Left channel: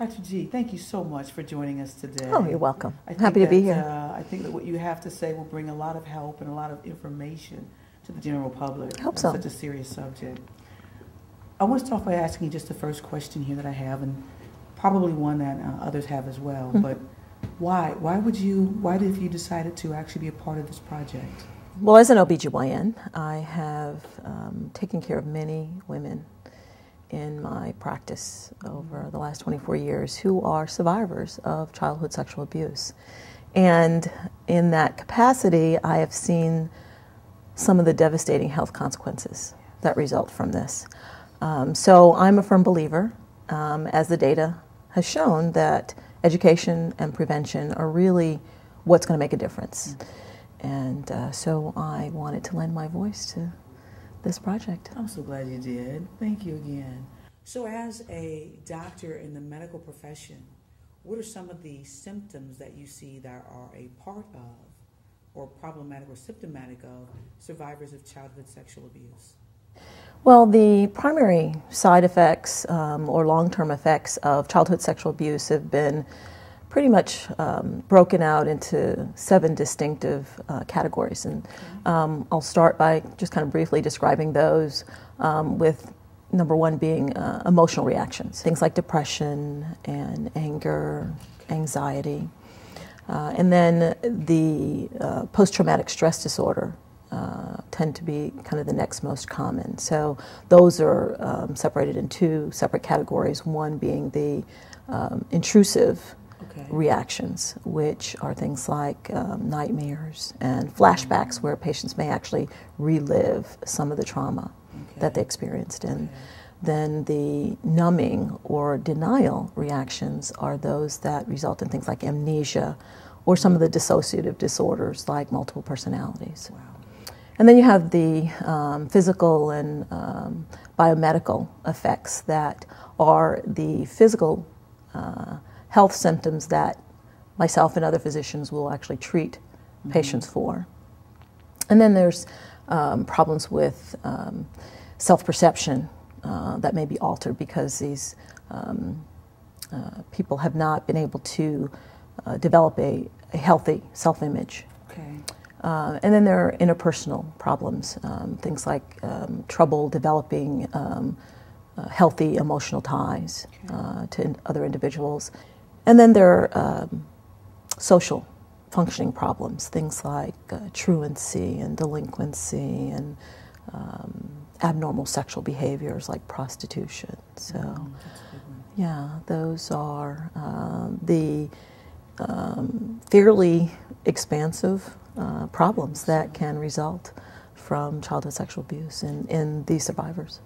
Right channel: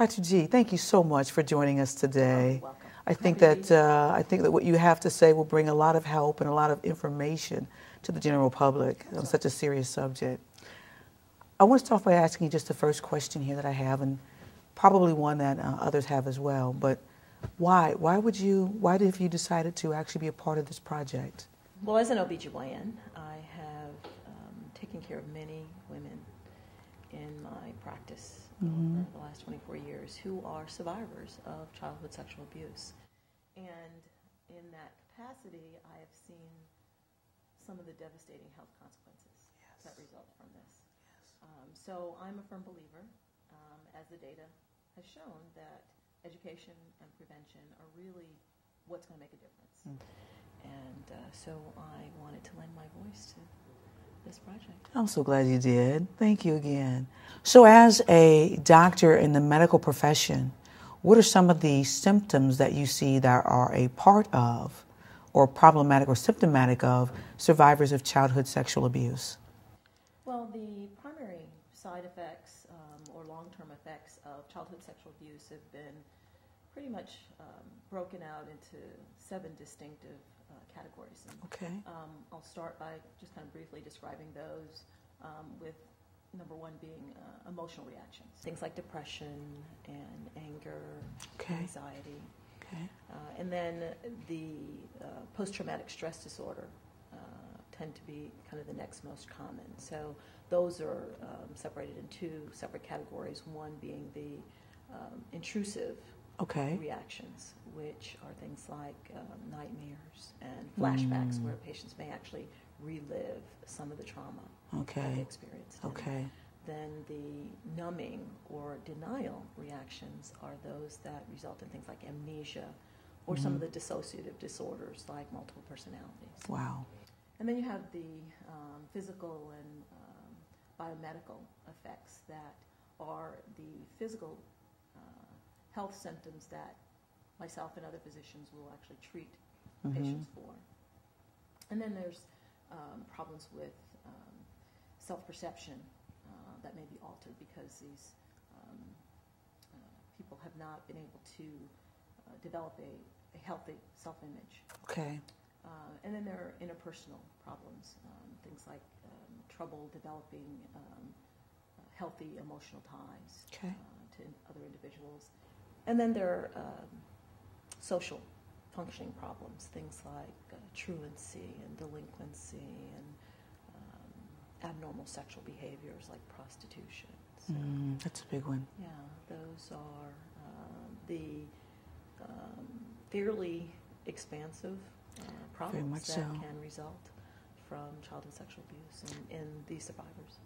Dr. G, thank you so much for joining us today. Oh, you're welcome. Happy to be here. I think that what you have to say will bring a lot of help and a lot of information to the general public on such a serious subject. I want to start by asking you just the first question here that I have, and probably one that others have as well. But why? Why did you decided to actually be a part of this project? Well, as an OBGYN, I have taken care of many women in my practice over the last 24 years who are survivors of childhood sexual abuse. And in that capacity, I have seen some of the devastating health consequences that result from this. So I'm a firm believer, as the data has shown, that education and prevention are really what's going to make a difference. And so I wanted to lend my voice to this project. I'm so glad you did. Thank you again. So as a doctor in the medical profession, what are some of the symptoms that you see that are a part of or problematic or symptomatic of survivors of childhood sexual abuse? Well, the primary side effects or long-term effects of childhood sexual abuse have been pretty much broken out into 7 distinctive categories. And I'll start by just kind of briefly describing those, with number 1 being emotional reactions, things like depression and anger, anxiety. And then the post-traumatic stress disorder tend to be kind of the next most common. So those are separated in 2 separate categories, one being the intrusive reactions, which are things like nightmares and flashbacks, where patients may actually relive some of the trauma that they experienced. And then the numbing or denial reactions are those that result in things like amnesia or some of the dissociative disorders like multiple personalities. Wow. And then you have the physical and biomedical effects that are the physical health symptoms that myself and other physicians will actually treat patients for. And then there's problems with self-perception that may be altered because these people have not been able to develop a healthy self-image. And then there are interpersonal problems, things like trouble developing healthy emotional ties to other individuals. And then there are social functioning problems, things like truancy and delinquency and abnormal sexual behaviors like prostitution. So, that's a big one. Yeah, those are the fairly expansive problems that can result from childhood sexual abuse in these survivors.